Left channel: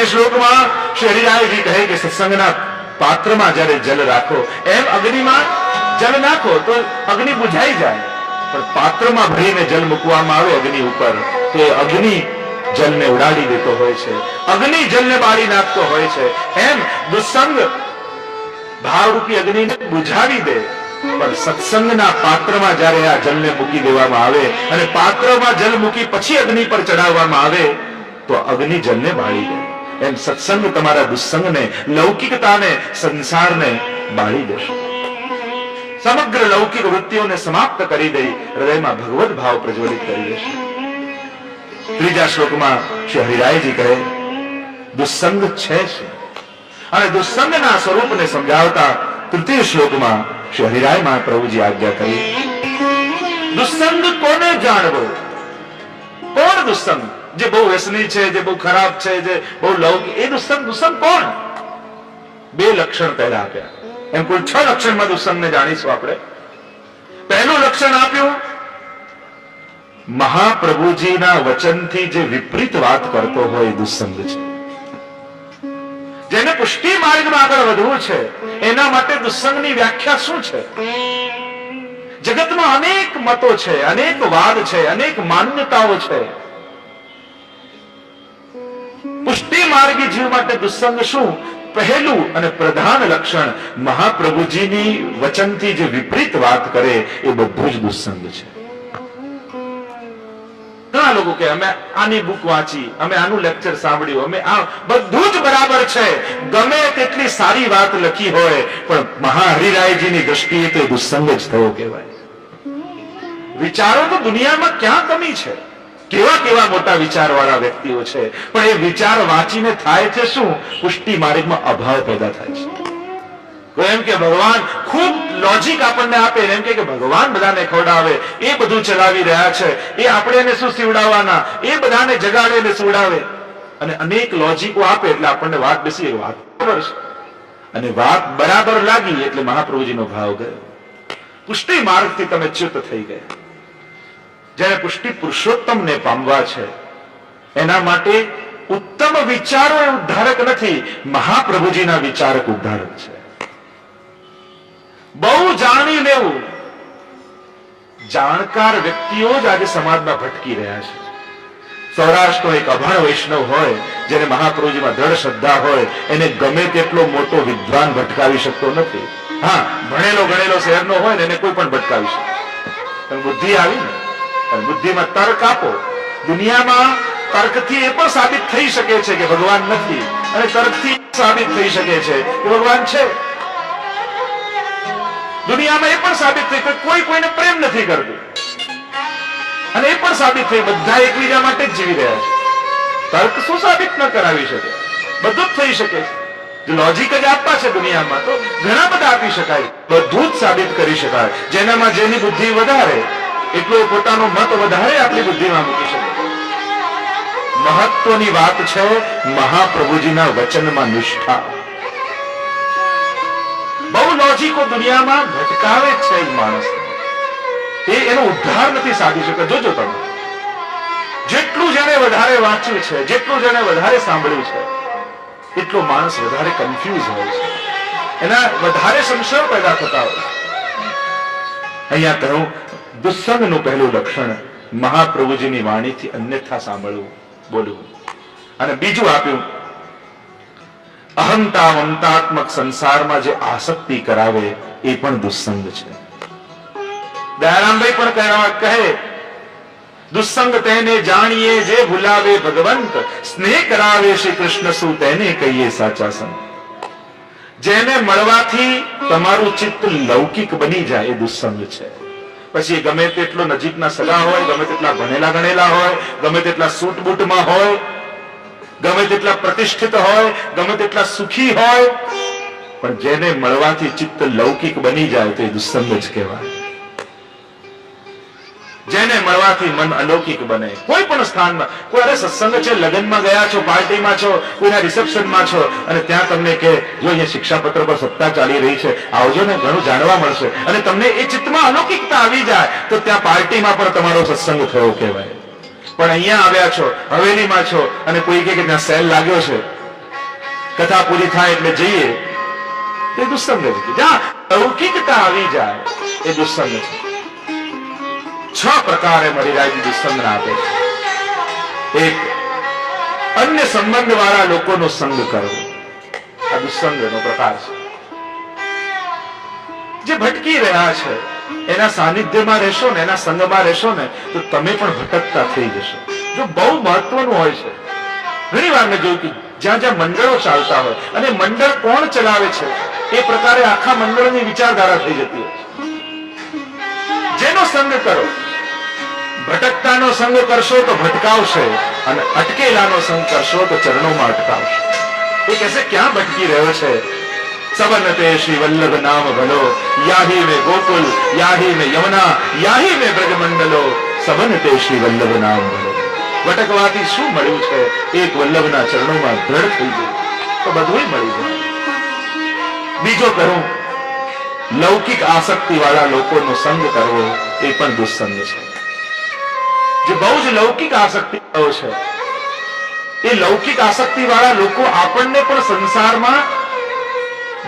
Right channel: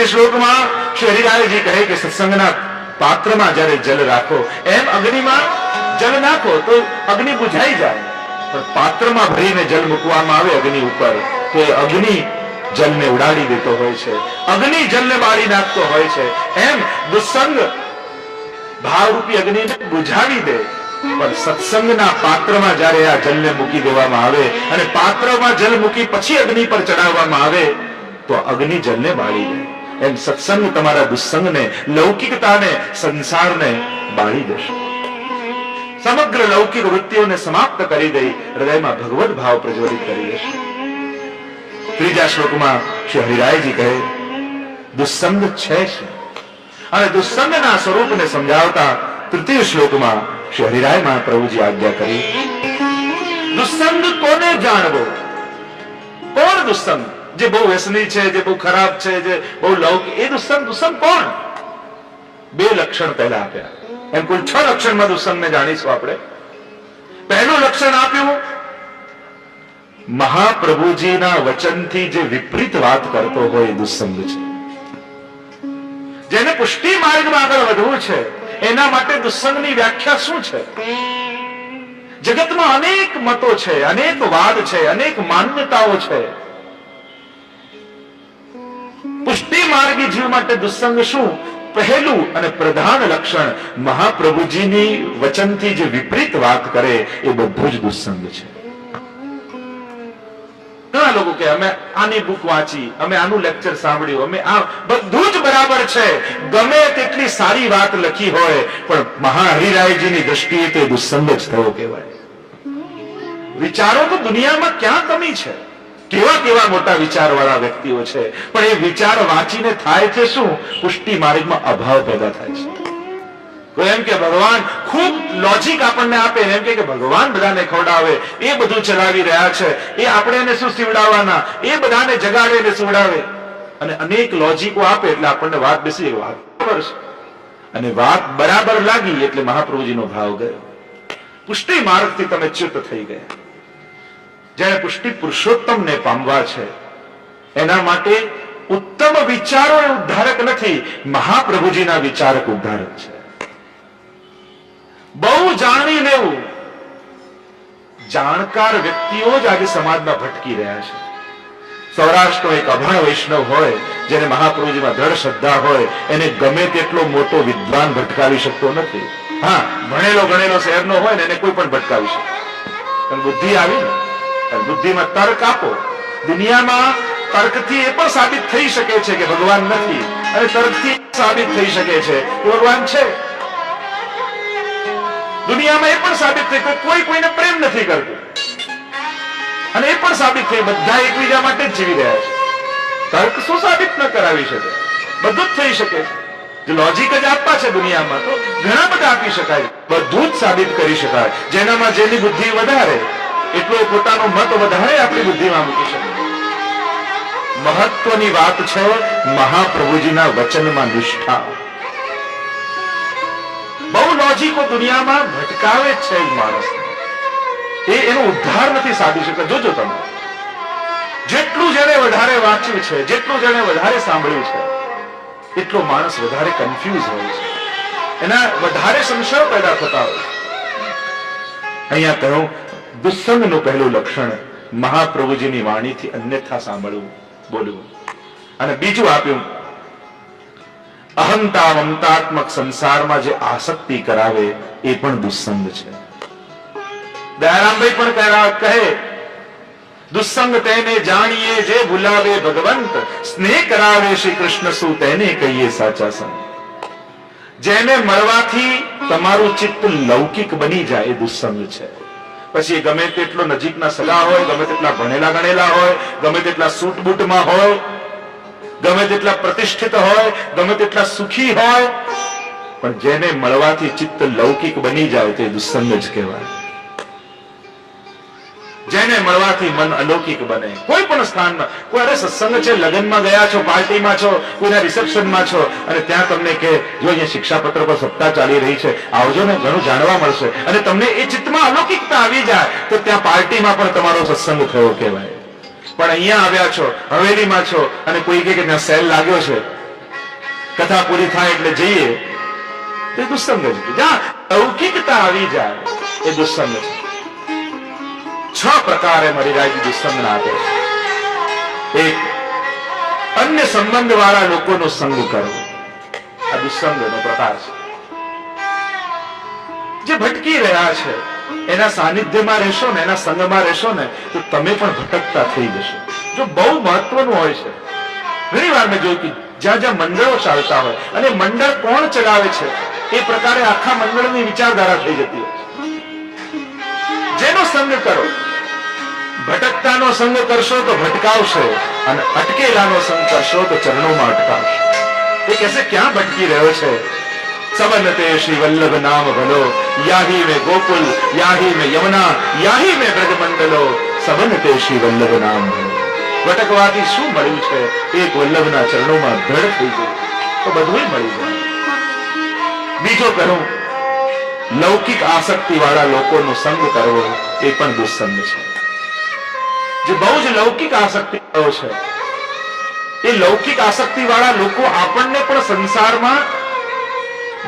તૃતીય શ્લોકમાં શ્રી હરિરાયજી કહે કે સત્સંગના પાત્રમાં જ્યારે જલ રાખો, એમ અગ્નિમાં જલ નાખો તો અગ્નિ બુઝાઈ જાય, પણ પાત્રમાં ભરીને જલ મૂકવામાં આવે અગ્નિ ઉપર તો એ અગ્નિ જલને ઉડાડી દેતો હોય છે, અગ્નિ જલને બાળી નાખતો હોય છે. એમ દુસ્સંગ ભાવરૂપી અગ્નિને બુઝાવી દે, પણ સત્સંગના પાત્રમાં જ્યારે આ જલને મૂકી દેવામાં આવે અને પાત્રમાં જલ મૂકી પછી અગ્નિ પર ચડાવવામાં આવે તો અગ્નિ જલને બાળી દે. એમ સત્સંગ તમારા દુસ્સંગને, લૌકિકતાને, સંસારને બાળી દેશે. સમગ્ર લૌકિક વૃત્તિઓને સમાપ્ત કરી દઈ હૃદયમાં ભગવત ભાવ પ્રજ્વલિત કરી દેશે. ત્રીજા શ્લોકમાં શ્રી હરિરાયજી કહે દુસ્સંગ છે શું, અને દુસ્સંગના સ્વરૂપને સમજાવતા તૃતીય શ્લોકમાં શ્રી હરિરાય મહાપ્રભુજી આજ્ઞા કરી દુસ્સંગ કોને જાણવો. કોણ દુસ્સંગ? જે બહુ વ્યસની છે, જે બહુ ખરાબ છે, જે બહુ લૌકિક, એ દુસ્સંગ. દુસ્સંગ કોણ? બે લક્ષણ પહેલા આપ્યા. એમ કુલ 6 લક્ષણમાં દુસ્સંગને જાણીશું આપણે. પહેલું લક્ષણ આપ્યું મહાપ્રભુજીના વચનથી જે વિપરીત વાત કરતો હોય દુસ્સંગ છે. જેને પુષ્ટિ માર્ગમાં આગળ વધવું છે એના માટે દુસ્સંગની વ્યાખ્યા શું છે? જગતમાં અનેક મતો છે, અનેક વાદ છે, અનેક માન્યતાઓ છે. પુષ્ટિ માર્ગી જીવ માટે દુસ્સંગ શું? પહેલું અને પ્રધાન લક્ષણ મહાપ્રભુજીની વચનથી જે વિપરીત વાત કરે એ બધું જ દુસ્સંગ છે. ઘણા લોકો કે અમે આની બુક વાંચી, અમે આનું લેક્ચર સાંભળ્યું, અમે આ બધું જ બરાબર છે, ગમે તેટલી સારી વાત લખી હોય પણ મહાહરિરાયજીની દ્રષ્ટિએ તો એ દુસ્સંગ જ થયો કહેવાય. વિચારો તો દુનિયામાં ક્યાં કમી છે, કેવા કેવા મોટા વિચારવાળા વ્યક્તિઓ છે, પણ એ વિચાર વાંચીને થાય છે શું? પુષ્ટિ માર્ગમાં અભાવ પેદા થાય છે. કોઈ એમ કે ભગવાન ખૂબ લોજિક આપણને આપે, એમ કે ભગવાન બધાને ખવડાવે, એ બધું ચલાવી રહ્યા છે, એ આપણે એને શું સીવડાવવાના, એ બધાને જગાડે ને સુવડાવે, અને અનેક લોજિકો આપે એટલે આપણને વાત બેસી વાત બરાબર છે, અને વાત બરાબર લાગી એટલે મહાપ્રભુજીનો ભાવ ગયો. પુષ્ટિ માર્ગથી તમે ચ્યુત થઈ ગયા. જેને પુષ્ટિ પુરુષોત્તમને પામવા છે એના માટે ઉત્તમ વિચારો એ ઉદ્ધારક નથી, મહાપ્રભુજીના વિચારક ઉદ્ધારક છે. બહુ જાણી લેવું, જાણકાર વ્યક્તિઓ જ આજે સમાજમાં ભટકી રહ્યા છે. સૌરાષ્ટ્રનો એક અભણ વૈષ્ણવ હોય, જેને મહાપ્રભુજીમાં દ્રઢ શ્રદ્ધા હોય, એને ગમે તેટલો મોટો વિદ્વાન ભટકાવી શકતો નથી. હા, ભણેલો ગણેલો શહેરનો હોય ને એને કોઈ પણ ભટકાવી શકે. પણ બુદ્ધિ આવી ને, અને બુદ્ધિમાં તર્ક આપો. દુનિયામાં તર્કથી એ પણ સાબિત થઈ શકે છે કે ભગવાન નથી, અને તર્કથી સાબિત થઈ શકે છે કે ભગવાન છે. દુનિયામાં એ પણ સાબિત થઈ કે કોઈ કોઈને પ્રેમ નથી કરતું, અને એ પણ સાબિત થઈ બધા એકબીજા માટે જ જીવી રહ્યા છે. તર્ક શું સાબિત ન કરાવી શકે? બધું જ થઈ શકે છે. જો લોજિક જ આપવા છે દુનિયામાં તો ઘણા બધા આપી શકાય, બધું જ સાબિત કરી શકાય. જેનામાં જેની બુદ્ધિ વધારે એટલો પોતાનો મત વધારે આપણી બુદ્ધિમાં મૂકી શકે. મહત્વની વાત છે મહાપ્રભુજીના વચનમાં નિષ્ઠા. બહુ લોજિકો દુનિયામાં ભટકાવે છે માણસને, એનો ઉદ્ધાર નથી સાધી શકે. જોજો તમે, જેટલું જેને વધારે વાંચ્યું છે, જેટલું જેને વધારે સાંભળ્યું છે, એટલો માણસ વધારે કન્ફ્યુઝ હોય છે, એના વધારે સંશયો પેદા થતા હોય છે. અહીંયા કહ્યું દુસ્સંગનું પહેલું લક્ષણ મહાપ્રભુજીની વાણીથી અન્યથા સાંભળવું, બોલવું. અને બીજું આપ્યું અહંતા મમતાત્મક સંસારમાં જે આસક્તિ કરાવે એ પણ દુસ્સંગ છે. દયારામભાઈ પણ કહે દુસ્સંગ તેને જાણીએ જે ભૂલાવે ભગવંત, સ્નેહ કરાવે શ્રી કૃષ્ણ શું તેને કહીએ સાચા સંત. જેને મળવાથી તમારું ચિત્ત લૌકિક બની જાય એ દુસ્સંગ છે. પછી એ ગમે તેટલો નજીકના સગા હોય, ગમે તેટલા ભણેલા ગણેલા હોય, ગમે તેટલા સૂટ બૂટમાં હોય, ગમે તેટલા પ્રતિષ્ઠિત હોય, ગમે તેટલા સુખી હોય, પણ જેને મળવાથી ચિત્ત લૌકિક બની જાય તો એ દુસ્સંગ જ કહેવાય. જેને મળવાથી મન અલૌકિક બને, કોઈ પણ સ્થાનમાં. કોઈ અરે સત્સંગ છે, લગ્નમાં ગયા છો, પાર્ટીમાં છો, કોઈના રિસેપ્શનમાં છો, અને ત્યાં તમને કે જો અહીંયા શિક્ષાપત્ર પર સપ્તાહ ચાલી રહી છે, આવજો ને, ઘણું જાણવા મળશે, અને તમને એ ચિત્તમાં અલૌકિકતા આવી જાય તો ત્યાં પાર્ટીમાં પણ તમારો સત્સંગ થયો કહેવાય. પણ અહીંયા આવ્યા છો, હવેલીમાં છો, અને કોઈ કે ત્યાં સેલ લાગ્યો છે, કથા પૂરી થાય એટલે જઈએ તે દુસ્સંગ જ કે જ્યાં લૌકિકતા આવી જાય એ દુસ્સંગ છે. 6 પ્રકારે મરિરાજી દુસ્સંગના આપે છે. એક, અન્ય સંબંધ વાળા લોકોનો સંગ કરવો, આ દુસ્સંગનો પ્રકાર છે. જે ભટકી રહ્યા છે એના સાનિધ્યમાં રહેશો ને, એના સંગમાં રહેશો ને, તો તમે પણ ભટકતા થઈ જશો. જો બહુ મહત્વનું હોય છે. ઘણી વાર મેં જોયું કે જ્યાં જ્યાં મંડળો ચાલતા હોય અને મંડળ કોણ ચલાવે છે એ પ્રકારે આખા મંડળની વિચારધારા થઈ જતી હોય. જેનો સંગ કરો, ભટકતાનો સંગ કરશો તો ભટકાવશે, અને અટકેલાનો સંગ કરશો તો ચરણોમાં અટકાવશે. એ કહેશે ક્યાં ભટકી રહ્યો છે? सबन ते श्री वल्लभ नाम भलो, याही में गोकुल, याही में यमुना, याही में ब्रजमंडलो, सबन ते श्री वल्लभ नाम भलो. ભટકવાથી શું મળ્યું છે? એક વલ્લભના ચરણોમાં દ્રઢ થઈ જાય તો બધું મળી જાય. બીજો કહું, લૌકિક આસક્તિ વાળા લોકોનો સંગ કરવો એ પણ દુસ્સંગ છે. જે બહુ જ લૌકિક આસક્તિ છે એ લૌકિક આસક્તિ વાળા લોકો આપણને પણ સંસારમાં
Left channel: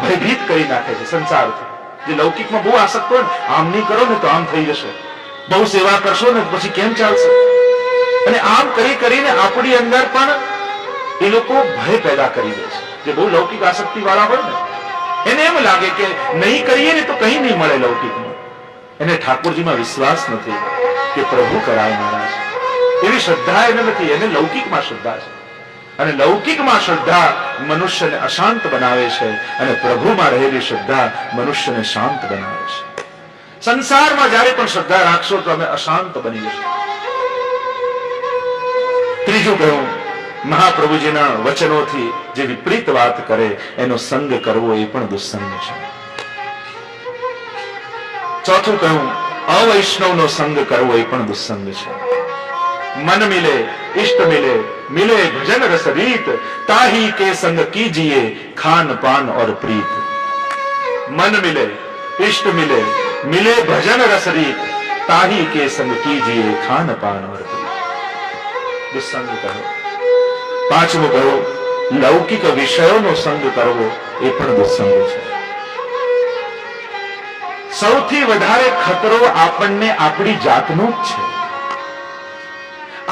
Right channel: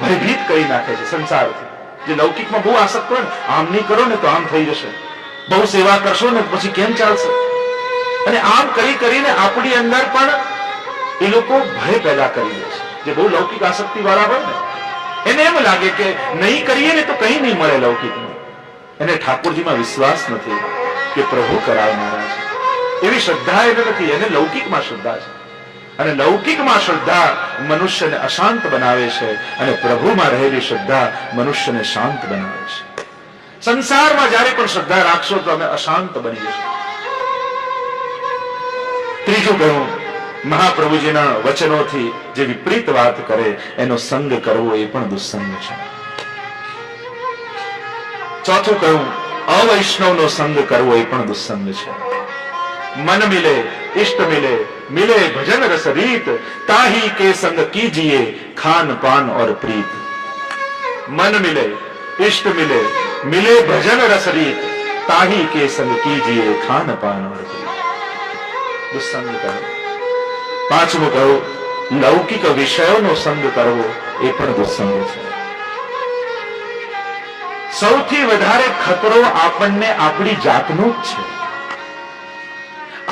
ભયભીત કરી નાખે છે. સંસારથી જે લૌકિકમાં બહુ આસક્ત હોય ને, આમ નહીં કરો ને તો આમ થઈ જશે, બહુ સેવા કરશો ને પછી કેમ ચાલશે, અને આમ કરી કરીને આપણી અંદર પણ એ લોકો ભય પેદા કરી દે છે. જે બહુ લૌકિક આસક્તિ વાળા હોય ને એને એમ લાગે કે નહીં કરીએ ને તો કઈ નહીં મળે લૌકિકમાં. એને ઠાકોરજીમાં વિશ્વાસ નથી કે પ્રભુ કરાવનારા છે, એવી શ્રદ્ધા એને નથી. એને લૌકિકમાં શ્રદ્ધા છે, અને લૌકિકમાં શ્રદ્ધા મનુષ્યને અશાંત બનાવે છે, અને પ્રભુમાં રહેલી શ્રદ્ધા મનુષ્યને શાંત બનાવે છે. સંસારમાં જ્યારે પણ શ્રદ્ધા રાખશો તો અમે અશાંત બની જશો. ત્રીજું કહ્યું, મહાપ્રભુજીના વચનોથી જે વિપરીત વાત કરે એનો સંગ કરવો એ પણ દુસ્સંગ છે. ચોથું કહ્યું, અવૈષ્ણવનો સંગ કરવો એ પણ દુસ્સંગ છે. मन मिले इष्ट मिले, मिले भजन रस रीत, ताही के संग कीजिए खान पान और प्रीत. मन मिले इष्ट मिले, मिले भजन रस रीत, ताही के संग कीजिए खान पान और प्रीत. દુસ્સંગ કહો. પાંચમું કહો, લૌકિક વિષયોનો સંગ કરવો એ પણ દુસ્સંગ છે. સૌથી વધારે ખતરો આપણને આપણી જાતનો જ છે.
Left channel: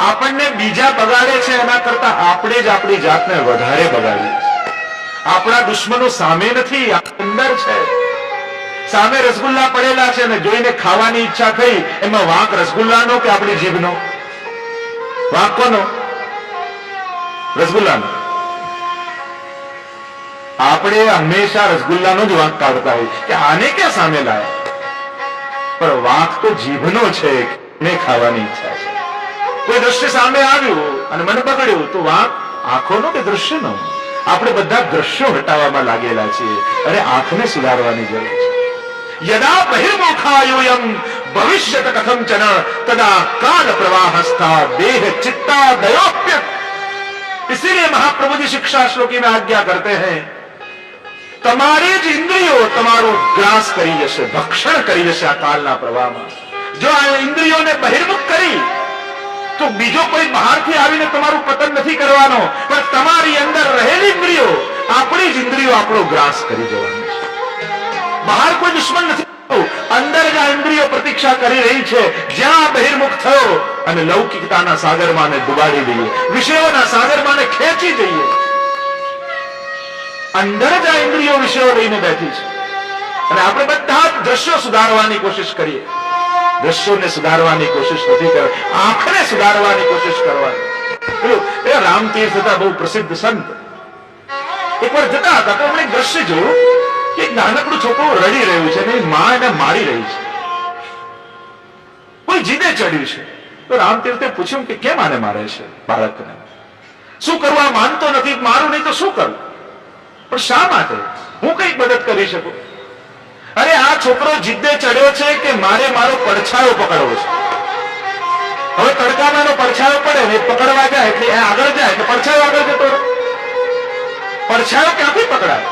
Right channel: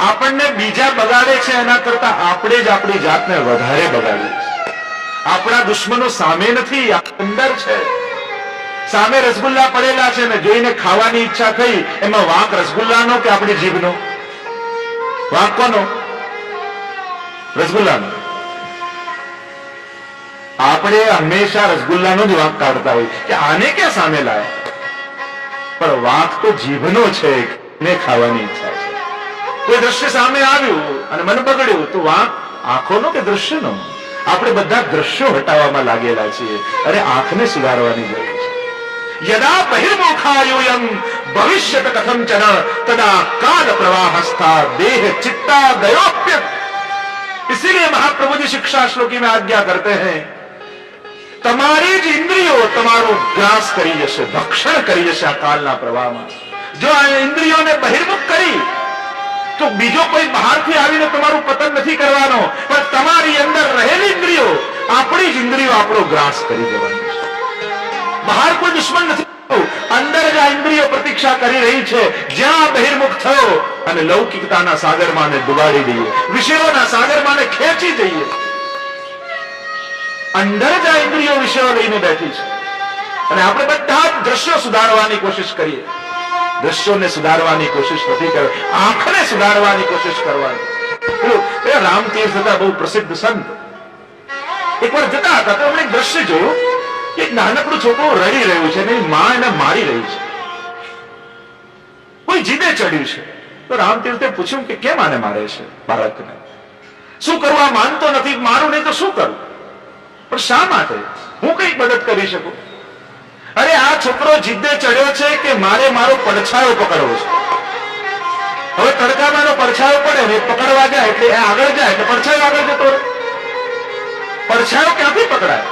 આપણને બીજા બગાડે છે એના કરતા આપણે જ આપણી જાતને વધારે બગાડીએ છીએ. આપણા દુશ્મનો સામે નથી, અંદર છે. સામે રસગુલ્લા પડેલા છે ને જોઈને ખાવાની ઈચ્છા થઈ, એમાં વાંક રસગુલ્લાનો કે આપણી જીભનો? વાંક કોનો? રસગુલ્લાનો. આપણે હંમેશા રસગુલ્લાનો જ વાંક કાઢતા હોય કે આને ક્યાં સામે લાયા, પણ વાંક તો જીભનો છે, ને ખાવાની ઈચ્છા છે. કોઈ દ્રશ્ય સામે આવ્યું અને મન બગડ્યું તો વાંક આંખોનો કે દ્રશ્યનો? આપણે બધા દ્રશ્યો હટાવવામાં લાગેલા છીએ, અને આંખને સુધારવાની જરૂર છે. યદા બહિર્મુખાયુયમ ભવિષ્યત કથંચન તદા કાલ પ્રવાહસ્થા દેહ चित्ता दयोप्य. इसीलिए महाप्रभु जी शिक्षा श्लोकी में आज्ञा करते हैं, તમારી જ ઇન્દ્રિયો તમારો ગ્રાસ કરી જશે, ભક્ષણ કરી જશે આ કાલના પ્રવાહમાં. જો આ ઇન્દ્રિયોને બહિર્મુખ કરી તો બીજો કોઈ બહારથી આવીને તમારું પતન નથી કરવાનો, પણ તમારી અંદર રહેલી ઇન્દ્રિયો, આપણી જ ઇન્દ્રિયો આપણો ગ્રાસ કરી જવાની છે. બહાર કોઈ દુશ્મન નથી, અંદર જ આ ઇન્દ્રિયો પ્રતીક્ષા કરી રહી છે. જ્યાં બહિર્મુખ થયો અને લૌકિકતાના સાગરમાં ડુબાડી દઈએ, વિષયોના સાગરમાં ખેંચી જઈએ. અંદર જ આ ઇન્દ્રિયો વિષયો લઈને બેઠી છે, અને આપણે બધા જ દ્રશ્યો સુધારવાની કોશિશ કરીએ. દ્રશ્યોને સુધારવાની કોશિશ નથી કરવી, આંખને સુધારવાની કોશિશ કરવાની. પેલું રામતીર્થ હતા, બહુ પ્રસિદ્ધ સંત. એકવાર જતા હતા તો એમણે એક દ્રશ્ય જોયું કે એક નાનકડું છોકરું રડી રહ્યું છે અને માં એને મારી રહી છે. કોઈ જીદે ચડ્યું છે. તો રામતીર્થે પૂછ્યું કે કેમ આને મારે છે બાળકને? શું કરવું? આ માનતો નથી, મારું નહીં તો શું કરવું? પણ શા માટે? હું કઈક મદદ કરી શકું? અરે આ છોકરો જીદ્દે ચડ્યો છે કે મારે મારો પડછાયો પકડવો છે. હવે તડકામાં એનો પડછાયો પડે ને પકડવા જાય એટલે આગળ જાય એટલે પડછાયો આગળ જતો રહે. પડછાયો ક્યાંથી પકડાય?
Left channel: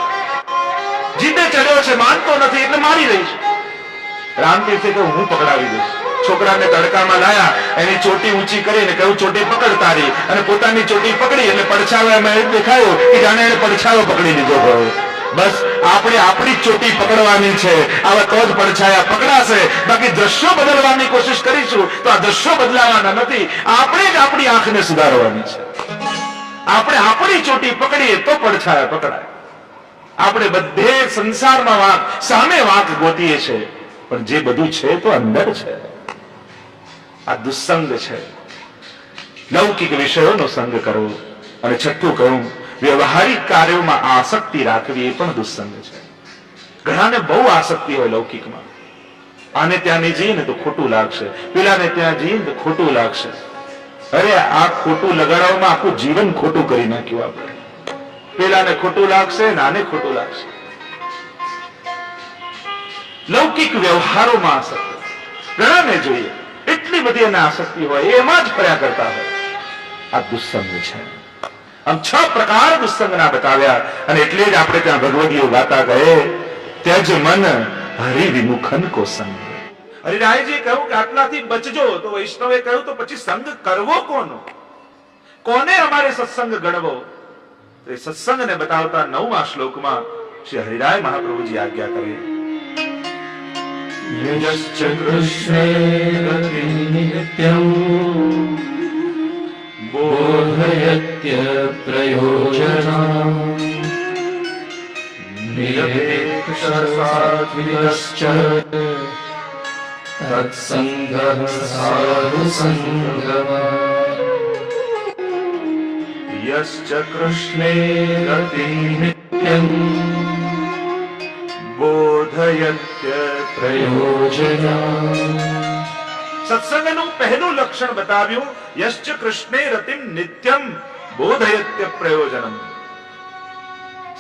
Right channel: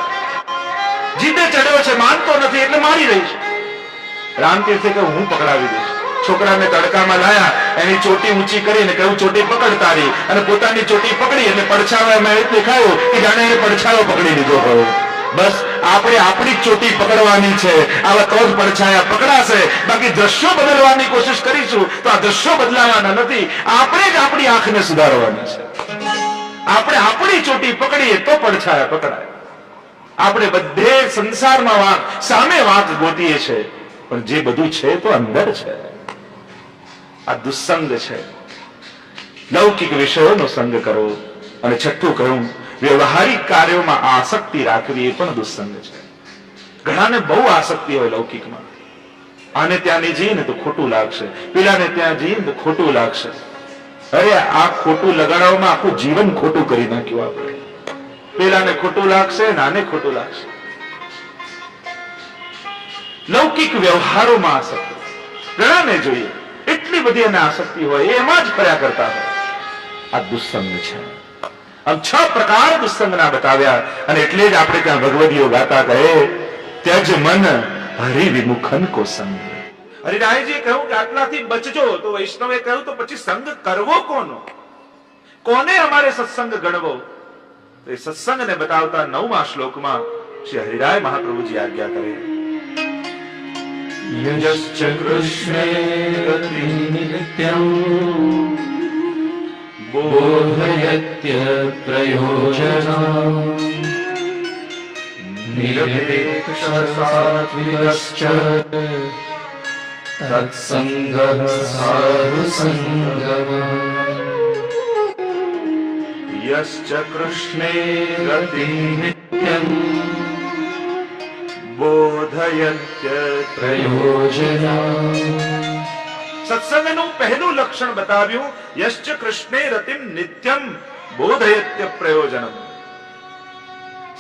જીદ્દે ચડ્યો છે, માનતો નથી એટલે મારી રહી છે. રામતીર્થે કહ્યું હું પકડાવી દઈશ. છોકરાને તડકામાં લાયા, એની ચોટી ઊંચી કરીને કહ્યું ચોટી પકડ તારી, અને પોતાની ચોટી પકડી એટલે પડછાયો એમાં દેખાયો કે જાણે એને પડછાયો પકડી લીધો હોય. બસ આપણે આપણી જ ચોટી પકડવાની છે. આવા તો જ પડછાયા પકડાશે. બાકી દ્રશ્યો બદલવાની કોશિશ કરીશું તો આ દ્રશ્યો બદલાવાના નથી. આપણે જ આપણી આંખને સુધારવાની છે. આપણે આપણી ચોટી પકડીએ તો પડછાયા પકડાય. આપણે બધે સંસારમાં વાંક, સામે વાંક ગોતીએ છે, પણ જે બધું છે તો અંદર છે. આ દુસ્સંગ છે. લૌકિક વિષયોનો સંગ કરવો. અને છઠ્ઠું કહ્યું, વ્યવહારિક કાર્યોમાં આસક્તિ રાખવી એ પણ દુસ્સંગ છે. ઘણાને બહુ આસક્તિ હોય લૌકિકમાં. આને ત્યાં નહીં જઈએ ને તો ખોટું લાગશે, પેલાને ત્યાં જઈએ ને તો ખોટું લાગશે. અરે આ ખોટું લગાડવામાં આખું જીવન ખોટું કરી નાખ્યું આપણે. પેલાને ખોટું લાગશે ને આને ખોટું લાગશે. લૌકિક વ્યવહારોમાં આસક્તિ ઘણાને જોઈએ, એટલી બધી એને આસક્તિ હોય, એમાં જ ફર્યા કરતા હોય. આ દુસ્સંગ છે. આમ 6 પ્રકાર દુસ્સંગના બતાવ્યા. અને એટલે જ આપણે ત્યાં ભગવદીઓ ગાતા કહે, ત્યજ મન હરિ વિમુખન કો સંગ. હરિરાયજીએ કહ્યું કે આટલાથી બચજો. તો વૈષ્ણવે કહ્યું તો પછી સંગ કરવો કોનો? કોને અમારે સત્સંગ ગણવો? તો એ સત્સંગને બતાવતા 9મા શ્લોકમાં શ્રી હરિરાય મહાપ્રભુજી આજ્ઞા કરે, યશ્ચ કૃષ્ણે ગતિં નિત્યં બોધયત્ય પ્રયોજનં નિરપેક્ષસાત્વિકશ્ચ તત્સંગઃ સાધુસંગમઃ. યશ્ચ કૃષ્ણે ગતિં નિત્યં બોધયત્ય પ્રયોજનં. સત્સંગનું પહેલું લક્ષણ બતાવ્યું, યશ્ચ કૃષ્ણે રતિમ નિત્યમ બોધયત્ય પ્રયોજનમ.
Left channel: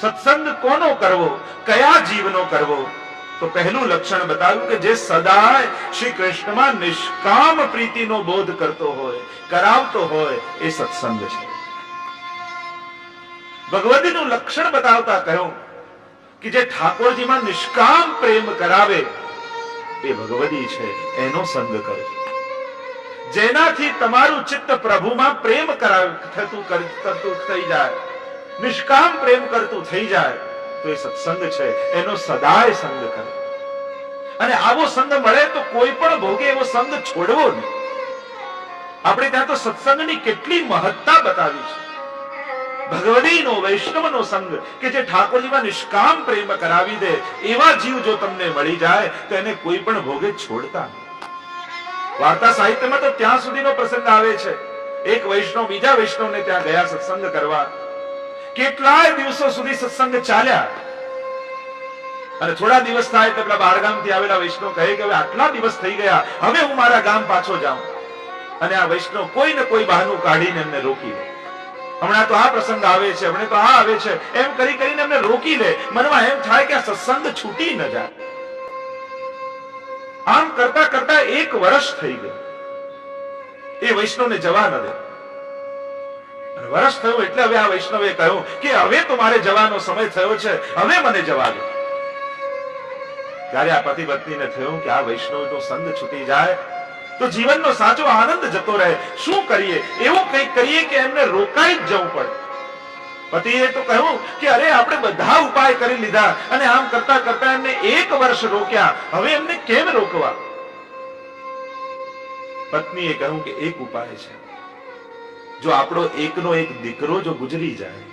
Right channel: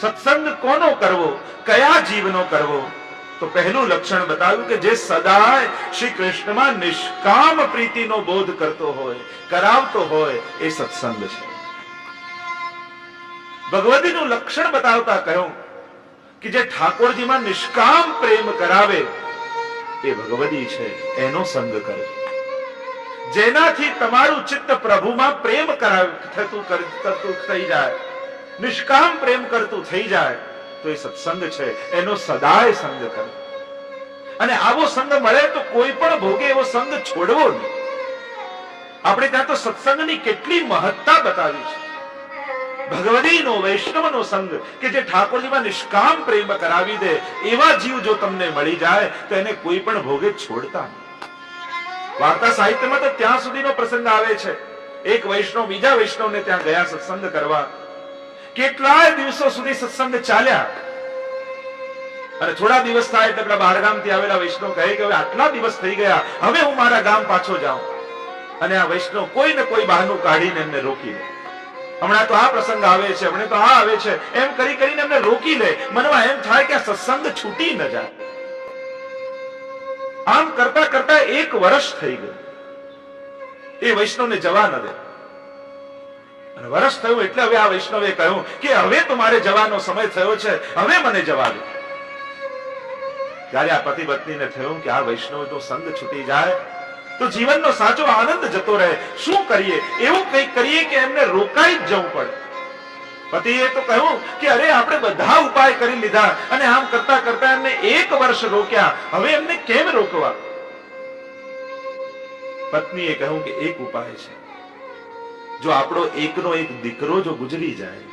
સત્સંગ કોનો કરવો, કયા જીવનો કરવો? તો પહેલું લક્ષણ બતાવ્યું કે જે સદાય શ્રી કૃષ્ણમાં નિષ્કામ પ્રીતિનો બોધ કરતો હોય, કરાવતો હોય, એ સત્સંગ છે. ભગવદીનું લક્ષણ બતાવતા કહ્યું કે જે ઠાકોરજીમાં નિષ્કામ પ્રેમ કરાવે એ ભગવદી છે, એનો સંગ કરો. જેનાથી તમારું ચિત્ત પ્રભુમાં પ્રેમ કરતું થઈ જાય, નિષ્કામ પ્રેમ કરતું થઈ જાય, તો એ સત્સંગ છે, એનો સદાય સંગ કરો. અને આવો સંગ મળે તો કોઈ પણ ભોગે એવો સંગ છોડવો નહીં. આપણે ત્યાં તો સત્સંગની કેટલી મહત્તા બતાવી છે. ભગવદીનો, વૈષ્ણવનો સંગ કે જે ઠાકોરજીમાં નિષ્કામ પ્રેમ કરાવી દે, એવા જીવ જો તમને મળી જાય તો એને કોઈ પણ ભોગે છોડતા નહીં. વાર્તા સાહિત્યમાં તો ત્યાં સુધીનો પ્રસંગ આવે છે, એક વૈષ્ણવ બીજા વૈષ્ણવને ત્યાં ગયા સત્સંગ કરવા. કેટલાય દિવસો સુધી સત્સંગ ચાલ્યા, અને થોડા દિવસ થાય એટલે પેલા બહારગામથી આવેલા વૈષ્ણવ કહે કે હવે આટલા દિવસ થઈ ગયા, હવે હું મારા ગામ પાછો જાઉં. અને આ વૈષ્ણવ કોઈ ને કોઈ બહાનું કાઢીને એમને રોકી લે. હમણાં તો આ પ્રસંગ આવે છે, હમણાં તો આ આવે છે, એમ કરી કરીને એમને રોકી લે. મનમાં એમ થાય કે આ સત્સંગ છૂટી ન જાય. આમ કરતા કરતા 1 વર્ષ થઈ ગયું, એ વૈષ્ણવને જવા ન દે. અને વર્ષ થયું એટલે હવે આ વૈષ્ણવે કહ્યું કે હવે તો મારે જવાનો સમય થયો છે, હવે મને જવા દે. જ્યારે આ પતિ પત્નીને થયું કે આ વૈષ્ણવનો સંગ છૂટી જાય તો જીવનનો સાચો આનંદ જતો રહે. શું કરીએ? એવું કંઈક કરીએ કે એમને રોકાઈ જ જવું પડે. પતિએ તો કહ્યું કે અરે આપણે બધા ઉપાય કરી લીધા, અને આમ કરતા કરતા એમને 1 વર્ષ રોક્યા, હવે એમને કેમ રોકવા? પત્નીએ કહ્યું કે એક ઉપાય છે, જો આપણો એકનો એક દીકરો જો ગુજરી જાય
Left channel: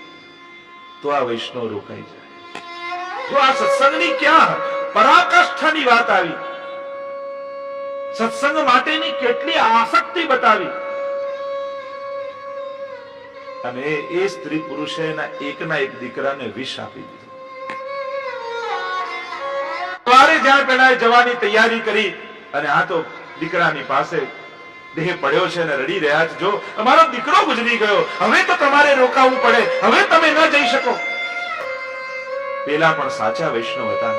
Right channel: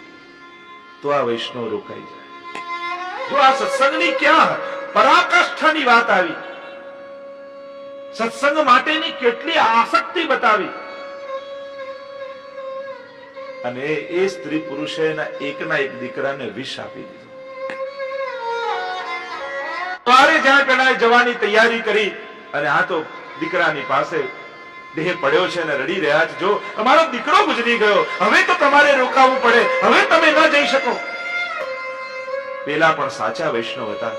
તો આ વૈષ્ણવ રોકાઈ જાય. જો આ સત્સંગની ક્યાં પરાકાષ્ઠાની વાત આવી, સત્સંગ માટેની કેટલી આસક્તિ બતાવી, અને એ સ્ત્રી પુરુષે એના એકના એક દીકરાને વિષ આપી દીધું. સવારે જ્યાં પેલા જવાની તૈયારી કરી, અને આ તો દીકરાની પાસે દેહ પડ્યો છે અને રડી રહ્યા છે, જો અમારો દીકરો ગુજરી ગયો, હવે તો તમારે રોકાવું પડે, હવે તમે ન જઈ શકો. પેલા પણ સાચા વૈષ્ણવ હતા,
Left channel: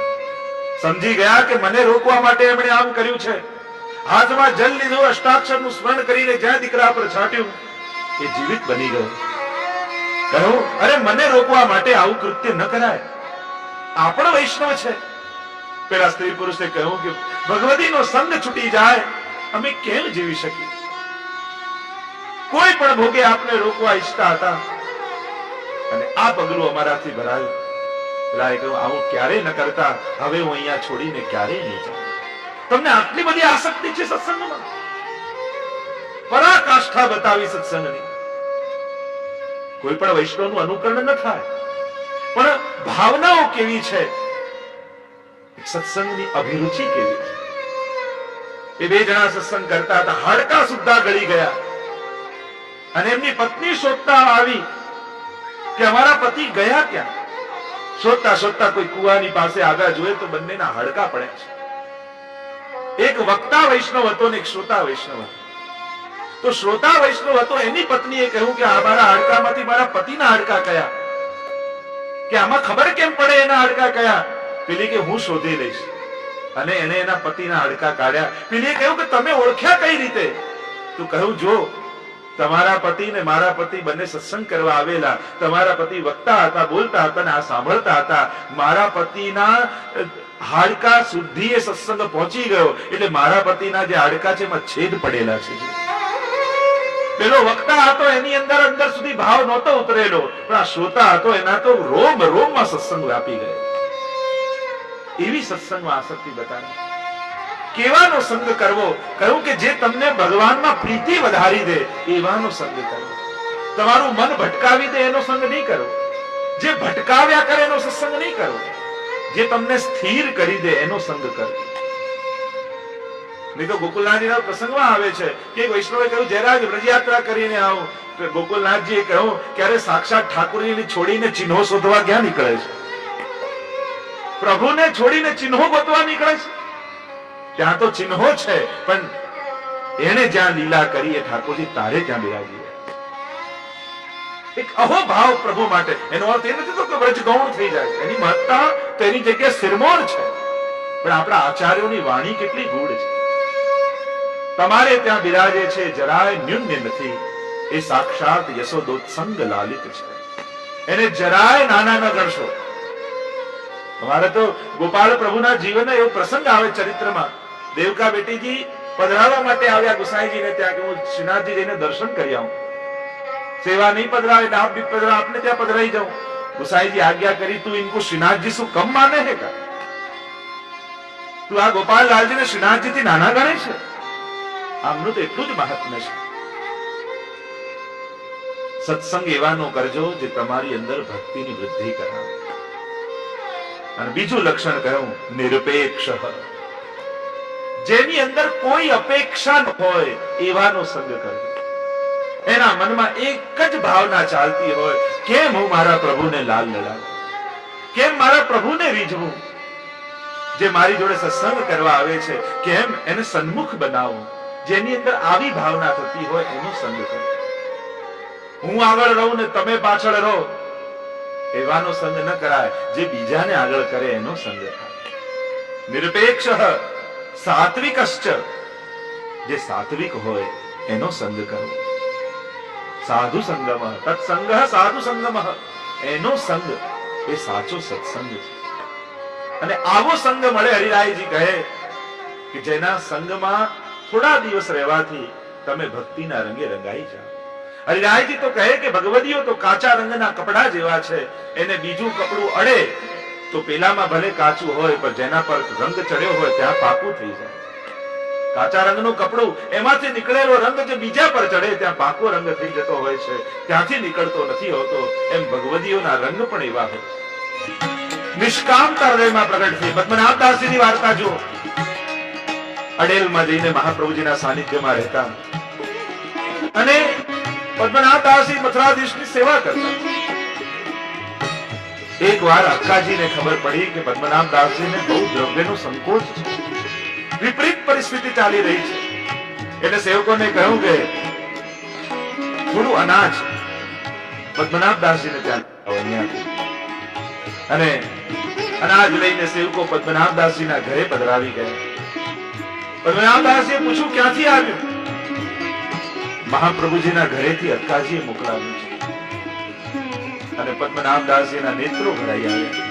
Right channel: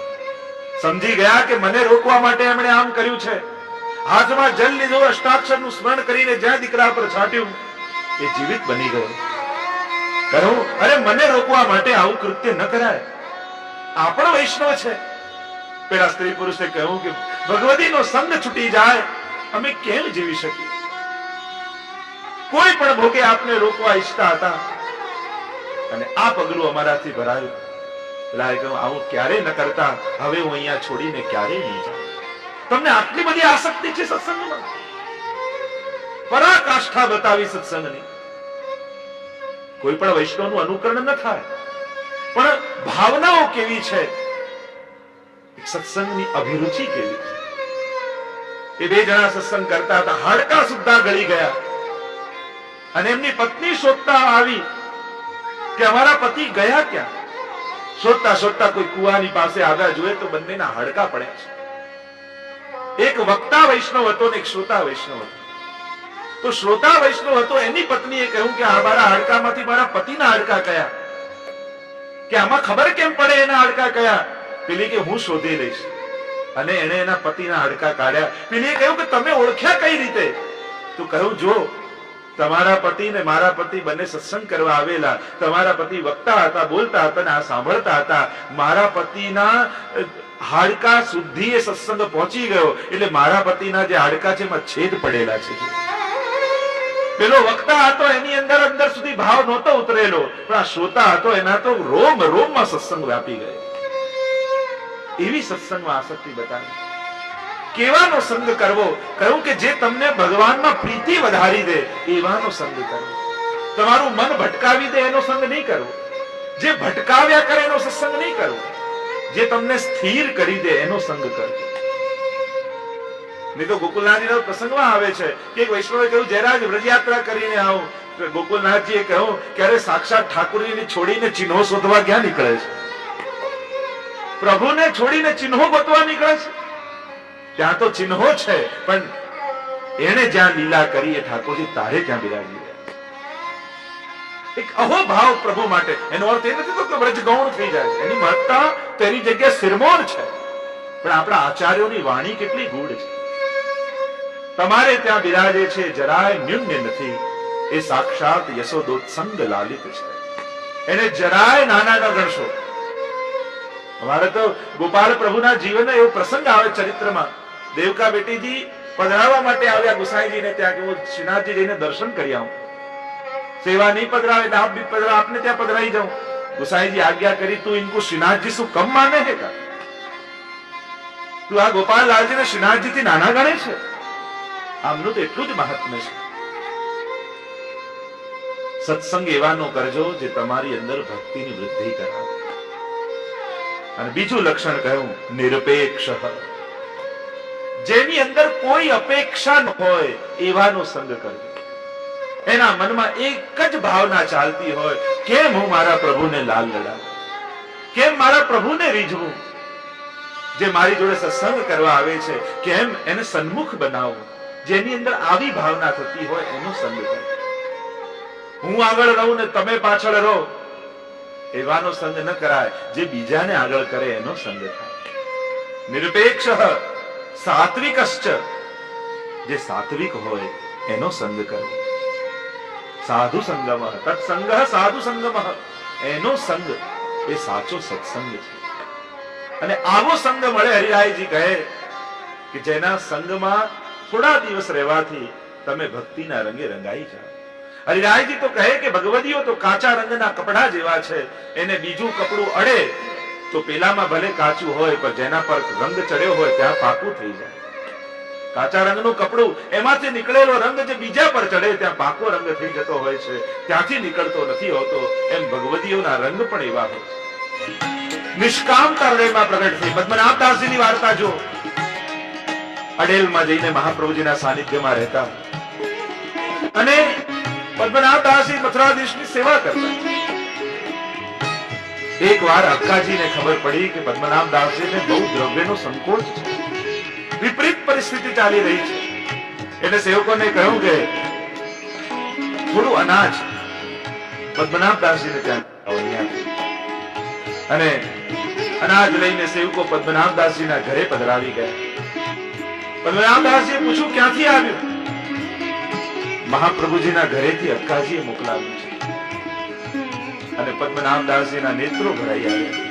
સમજી ગયા કે મને રોકવા માટે એમણે આમ કર્યું છે. હાથમાં જલ લીધું, અષ્ટાક્ષરનું સ્મરણ કરીને જ્યાં દીકરા પર છાંટ્યું, એ જીવિત બની ગયો. કહ્યું અરે મને રોકવા માટે આવું કૃત્ય ન કરાય, આ પણ વૈષ્ણવ છે. પેલા સ્ત્રી પુરુષે કહ્યું કે ભગવદીનો સંગ છૂટી જાય અમે કેમ જીવી શકીએ? કોઈ પણ ભોગે આપને રોકવા ઈચ્છતા હતા અને આ પગલું અમારાથી ભરાયું. પેલા એ કહ્યું, આવું ક્યારે ન કરતા, હવે હું અહીંયા છોડીને ક્યારે નહીં જાઉં. તમને આટલી બધી આસક્તિ છે સત્સંગમાં? પરાકાષ્ઠા બતાવી સત્સંગની. કોઈ પણ વૈષ્ણવનું અનુકરણ ન થાય, પણ ભાવનાઓ કેવી છે, સત્સંગની અભિરુચિ કેવી છે. એ બે જણા સત્સંગ કરતા હતા, હાડકા સુદ્ધા ગળી ગયા અને એમની પત્ની શોધતા આવી કે અમારા પતિ ગયા ક્યાં. શોધતા શોધતા કોઈ કુવાની પાસે આવ્યા, જોઈએ તો બંનેના હાડકા પડ્યા છે. એક વક્તા વૈષ્ણવ હતો ને એક શ્રોતા વૈષ્ણવ હતો. તો શ્રોતા વૈષ્ણવ હતો, એની પત્નીએ કહ્યું કે આ મારા હાડકામાંથી મારા પતિના હાડકા કયા, કે આમાં ખબર કેમ પડે એના હાડકા કયા? પેલી કે હું શોધી લઈશ. અને એને એના પતિના હાડકા કાઢ્યા. પેલીએ કહ્યું કે તમે ઓળખ્યા કઈ રીતે? તો કહ્યું, જો તમારા પતિ ને મારા પતિ બંને સત્સંગ કરવા આવેલા. તમારા પતિ વક્તા હતા, બોલતા હતા ને આ સાંભળતા હતા. મારા પતિના હાડકા સુધી એ સત્સંગ પહોંચી ગયો, એટલે મારા પતિના જે હાડકા છે એમાં છેદ પડેલા છે. પેલો વક્તા હતો એની અંદર અંદર સુધી ભાવ નહોતો ઉતરેલો, પણ આ શ્રોતા હતો એના તો રોમ રોમમાં સત્સંગ વ્યાપી ગયો. એવી સત્સંગમાં આસક્તિ બતાવી. કેવાનો સંગ કરવો? કહ્યું કે જે તમને ભગવાનમાં પ્રીતિ વધારી દે એવાનો સંગ કરવો. તમારું મન ભટકાવી દે એનો સંગ નહીં કરવો. જે ભટકાવ્યા કરે એનો સત્સંગ નહીં કરવો. જે તમને સ્થિર કરી દે એનો સંગ કરવો. નહીં તો ગોકુલનાથજીના પ્રસંગમાં આવે છે કે એક વૈષ્ણવે કહ્યું, જયરાજ વ્રજયાત્રા કરીને આવું. ગોકુલનાથજીએ કહ્યું, ક્યારે સાક્ષાત ઠાકોરજીને છોડીને ચિહ્નો શોધવા ક્યાં નીકળે છે? પ્રભુને છોડીને ચિહ્નો ગોતવા નીકળે છે? ત્યાં તો ચિહ્નો છે, પણ એને જ્યાં લીલા કરી એ ઠાકોરજી તારે ત્યાં બિરાજી રહ્યા. એક અહોભાવ પ્રભુ માટે. એનો અર્થ એ નથી તો કે વ્રજ ગૌણ થઈ જાય. એની મહત્તા તો એની જગ્યાએ સિરમોર છે, પણ આપણા આચાર્યોની વાણી કેટલી ગૂઢ છે. તમારે ત્યાં બિરાજે છે, જરાય ન્યૂન્ય નથી. એ સાક્ષાત યશોદોત્સંગ લાલિત છે. એને જરાય નાના ન ગણશો. અમારે તો ગોપાલ પ્રભુના જીવનનો એવો પ્રસંગ આવે ચરિત્રમાં. દેવકા બેટીજી પધરાવવા માટે આવ્યા ગુસાઈજીને ત્યાં કે હું શ્રીનાથજી જઈને દર્શન કરી આવું. સેવા નહીં પધરાવે એટલે આપ બી પધરા, આપને ત્યાં પધરાઈ જાઉં. ગુસાઈજી આજ્ञा કરી, તું इनको श्रीनाथजी શું કમ માને है का? તું આ ગોપાલ લાલજીને શ્રીનાથજી થી નાના ગણે છે? આમનું તો એટલું જ મહાત્મ્ય છે. સત્સંગ એવાનો કરજો જે તમારી અંદર ભક્તિની વૃદ્ધિ કરાવે. અને બીજું લક્ષણ કહ્યું, નિરપેક્ષ. જેની અંદર કોઈ અપેક્ષા ન હોય એવાનો સંગ કરજો. એના મનમાં એક જ ભાવના ચાલતી હોય, કેમ હું મારા પ્રભુને લાલ લડાવું, કેમ મારા પ્રભુને રીઝવું. જે મારી જોડે સત્સંગ કરવા આવે છે કેમ એને સન્મુખ બનાવું. જેની અંદર આવી ભાવના થતી હોય એનો સંગ કરજો. હું આગળ રહું ને તમે પાછળ રહો એવાનો સંગ ન કરાય. જે બીજાને આગળ કરે એનો સંગ થાય. નિરપેક્ષ સાત્વિકશ્ચ. જે સાત્વિક હોય એનો સંગ કરો. સાધુ સંગમ તત્સંગ સાધુ સંગમ. એનો સંગ એ સાચો સત્સંગ છે. અને આવો સંગ મળે. હરિરાયજી કહે કે જેના સંગમાં થોડા દિવસ રહેવાથી તમે ભક્તિના રંગે રંગાઈ જાઓ. હરિરાયજી તો કહે કે ભગવદીઓ તો કાચા રંગના કપડા જેવા છે. એને બીજું કપડું અડે તો પેલામાં ભલે કાચું હોય, પણ જેના પર રંગ ચડ્યો હોય ત્યાં પાકું થઈ જાય. કાચા રંગનું કપડું, એમાંથી નીકળેલો રંગ જે બીજા પર ચડે ત્યાં પાકો રંગ થઈ જતો હોય છે, ત્યાંથી નીકળતો નથી હોતો. એમ ભગવદીઓના રંગ પણ એવા હોય છે. નિષ્કામતા હૃદયમાં પ્રગટ થઈ. પદ્મનાભદાસજીની વાર્તા જો. અડેલમાં જઈને મહાપ્રભુજીના સાનિધ્યમાં રહેતા અને પદ્મનાભદાસજી મથુરાધીશની સેવા કરતા. એક વાર અક્કાજીને ખબર પડી કે પદ્મનાભદાસજીને બહુ દ્રવ્યનો સંકોચ છે, વિપરીત પરિસ્થિતિ ચાલી રહી છે. એટલે સેવકોને કહ્યું કે થોડું અનાજ પદ્મનાભદાસજીને ત્યાં અહીંયાથી. અને અનાજ લઈને સેવકો પદ્મનાભદાસજીના ઘરે પધરાવી ગયા. પદ્મનાભદાસજીએ પૂછ્યું, ક્યાંથી આવ્યું? મહાપ્રભુજીના ઘરેથી અક્કાજીએ મોકલાવ્યું છે. અને પદ્મનાભદાસજીના નેત્રો ભરાઈ આવ્યા.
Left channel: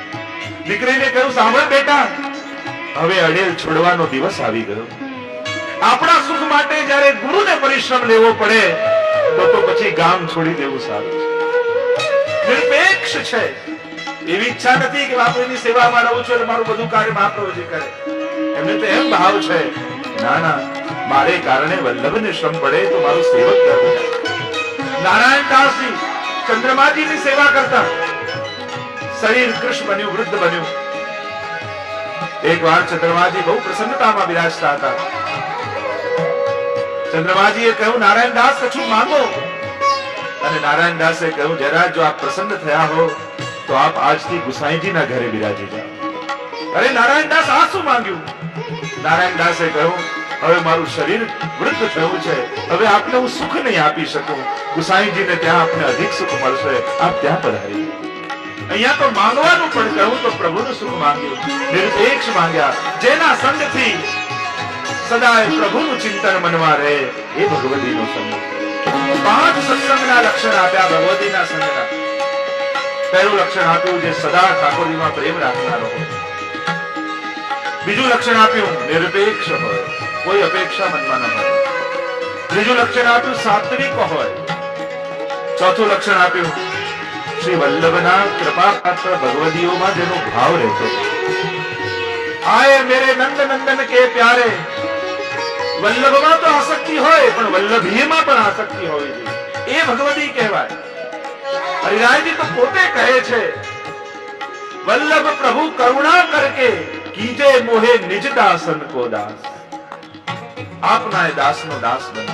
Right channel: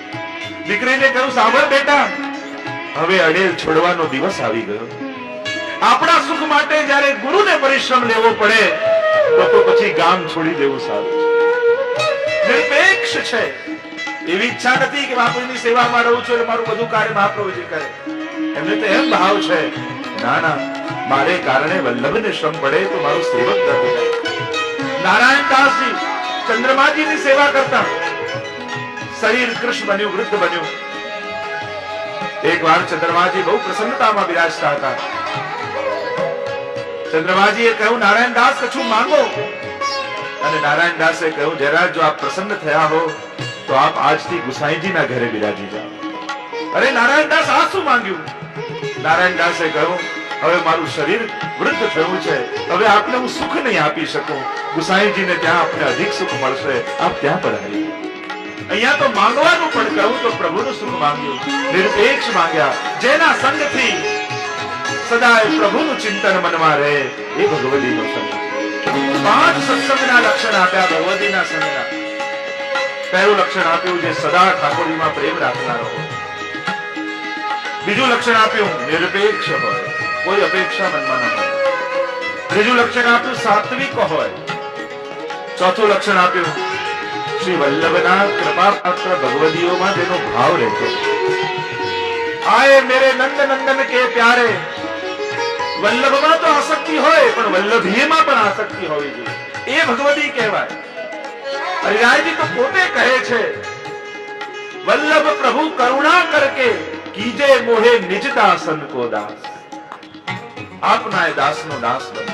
દીકરીને કહ્યું, સાંભળ બેટા, હવે અડેલ છોડવાનો દિવસ આવી ગયો. આપણા સુખ માટે જ્યારે ગુરુને પરિશ્રમ લેવો પડે તો પછી ગામ છોડી દેવું સારું છે. નિરપેક્ષ છે. એવી ઈચ્છા નથી કે બાપુની સેવામાં રહું છું એટલે મારું બધું કાર્ય મહાપ્રભુજી કરે. એમને તો એમ ભાવ છે, ના ના, મારે કારણે વલ્લભને શ્રમ પડે તો મારું સેવક ગર્વ જાય. નારાયણ દાસજી ચંદ્રમાજીની સેવા કરતા, શરીર કૃષ્ણ બન્યું, વૃદ્ધ બન્યું. એક વાર ચંદ્રમાજી બહુ પ્રસન્નતામાં બિરાજતા હતા. ચંદ્રમાજીએ કહ્યું, નારાયણ દાસ કશું માંગો. અને નારાયણ દાસે કહ્યું, જરા જો આપ પ્રસન્ન થયા હો તો આપ આજથી ગુસાઈજીના ઘરે બિરાજી જાઓ. અરે નારાયણ દાસ, આ શું માંગ્યું? નારાયણ દાસે કહ્યું, હવે મારું શરીર વૃદ્ધ થયું છે, હવે આપને હું સુખ નહીં આપી શકું. ગુસાઈજીને ત્યાં આપને અધિક સુખ મળશે, આપ ત્યાં પધારી. અહીંયા તો માંગવાનું પણ કહ્યું તો પ્રભુનું સુખ માંગ્યું, નિરપેક્ષ માંગ્યા. જેના સંગથી સદાય પ્રભુનું ચિંતન મનમાં રહે એ ભગવતીનો સંગ. 5 સત્સંગના લક્ષણ આપ્યા ભગવતીના સંગના. પહેલું લક્ષણ આપ્યું, જે સદા ઠાકોરજીમાં પ્રેમ રાખનારો હોય. બીજું લક્ષણ આપ્યું, નિરપેક્ષ હોય, કોઈ અપેક્ષા મનમાં ન હોય. ત્રીજું લક્ષણ આપ્યું, સાત્વિક હોય. ચોથું લક્ષણ આપ્યું, શ્રી વલ્લભના કૃપા પાત્ર ભગવદીઓમાં જેનો ભાવ રહેતો. આયે મેરે નંદ નંદન કે પ્યારે. વલ્લભમાં તો આસક્તિ હોય, પણ વલ્લભીયમાં પણ આસક્તિ હોવી જોઈએ. એ ભગવદી કહેવાય. હરિરાયજી તો પોતે કહે છે, વલ્લભ પ્રભુ કરુણા કરકે કીજે મોહે નિજ દાસન કો દાસ. આપના એ દાસનો દાસ બને.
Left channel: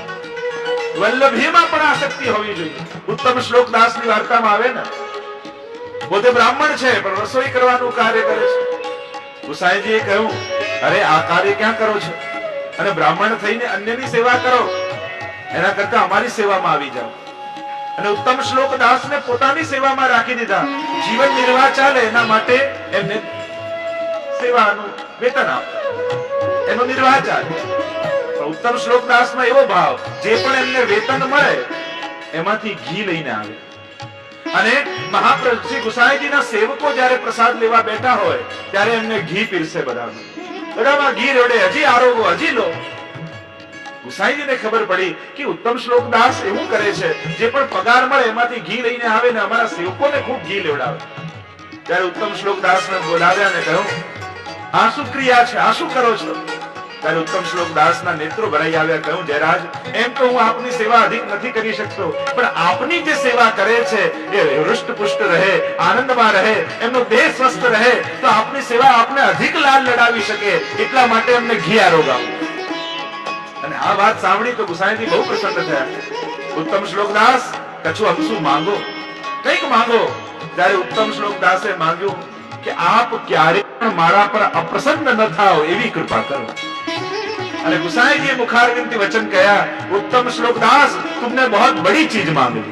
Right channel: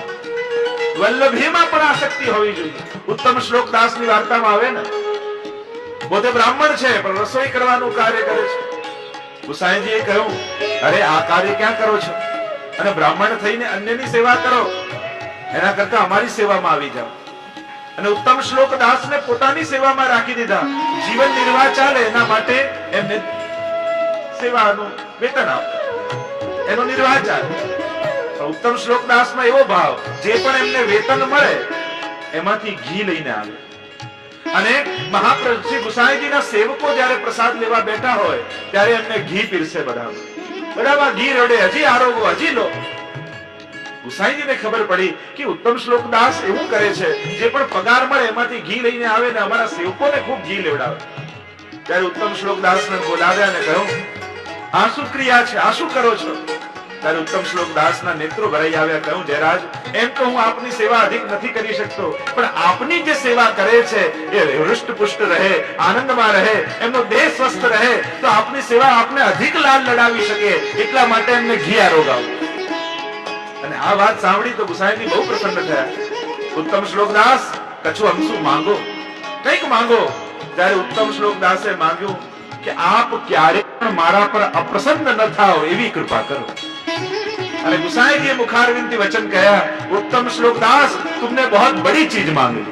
વલ્લભીમાં પણ આસક્તિ હોવી જોઈએ. ઉત્તમ શ્લોક દાસની વાર્તામાં આવે ને, પોતે બ્રાહ્મણ છે પણ રસોઈ કરવાનું કાર્ય કરે છે. ગુસાઈજીએ કહ્યું, અરે આ કાર્ય ક્યાં કરો છો? અને બ્રાહ્મણ થઈને અન્યની સેવા કરો, એના કરતા અમારી સેવામાં આવી જાઓ. અને ઉત્તમ શ્લોક દાસને પોતાની સેવામાં રાખી દીધા. જીવન નિર્વાહ ચાલે એના માટે એમને સેવાનું વેતન આપતા, એનો નિર્વાહ ચાલે. ઉત્તમ શ્લોક દાસમાં એવો ભાવ, જે પણ એમને વેતન મળે એમાંથી ઘી લઈને આવે. અને મહાપ્રભુ શ્રી ગુસાઈજીના સેવકો જ્યારે પ્રસાદ લેવા બેઠા હોય ત્યારે એમને ઘી પીરસે. બધામાં ઘી રેડે, હજી આરોગો, હજી લો. ગુસાઈજીને ખબર પડી કે ઉત્તમ શ્લોક દાસ એવું કરે છે, જે પણ પગાર મળે એમાંથી ઘી લઈને આવે ને અમારા સેવકોને ખૂબ ઘી લેવડાવે. ત્યારે ઉત્તમ શ્લોક દાસને બોલાવ્યા અને કહ્યું, આ શું ક્રિયા છે, આ શું કરો છો? ત્યારે ઉત્તમ શ્લોક દાસના નેત્રો ભરાઈ આવ્યા. કહ્યું, જયરાજ, એમ તો હું આપની સેવા અધિક નથી કરી શકતો, પણ આપની જે સેવા કરે છે એ હૃષ્ટપુષ્ટ રહે, આનંદમાં રહે, એમનો દેહ સ્વસ્થ રહે, તો આપની સેવા આપને અધિક લાલ લડાવી શકે, એટલા માટે એમને ઘી આરોગાવો. અને આ વાત સાંભળી તો ગુસાઈજી બહુ પ્રસન્ન થયા. ઉત્તમ શ્લોક દાસ, કછું અમસું માંગો, કંઈક માંગો. ત્યારે ઉત્તમ શ્લોક દાસે માંગ્યું કે આપ ક્યારે પણ મારા પર અપ્રસન્ન ન થાઓ એવી કૃપા કરો. અને गुसाईजी मुखारविंद वचन कहा, उत्तम श्लोक दास, तुमने बहुत बड़ी चीज मांग ली,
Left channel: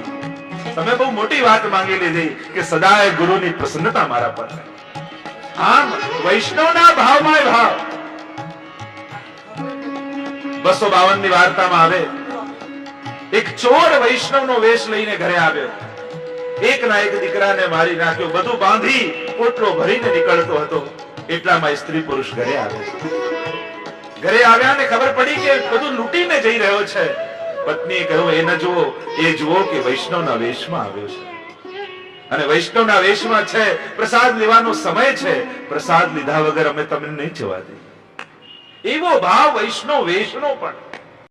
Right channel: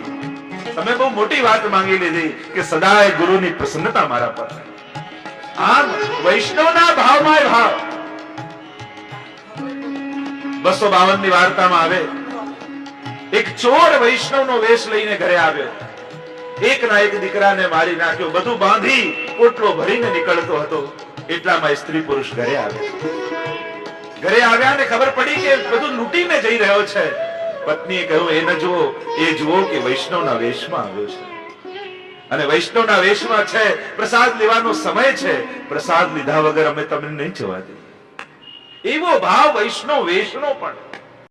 તમે બહુ મોટી વાત માંગી લીધી કે સદાય ગુરુની પ્રસન્નતા મારા પર રહે. આમ વૈષ્ણવના ભાવમાં ભાવ. 252 ની વાર્તામાં આવે, એક ચોર વૈષ્ણવનો વેશ લઈને ઘરે આવ્યો. એકના એક દીકરાને મારી નાખ્યો, બધું બાંધી પોટલો ભરીને નીકળતો હતો. એટલામાં સ્ત્રી પુરુષ ઘરે આવ્યા. ઘરે આવ્યા ને ખબર પડી કે બધું લૂંટીને જઈ રહ્યો છે. પત્નીએ કહ્યું, એ ન જુઓ, એ જુઓ કે વૈષ્ણવના વેશમાં આવ્યો છે. અને વૈષ્ણવના વેશમાં છે, પ્રસાદ લેવાનો સમય છે, પ્રસાદ લીધા વગર અમે તમને નહીં જવા દઈએ. એવો ભાવ વૈષ્ણવ વેશનો પણ.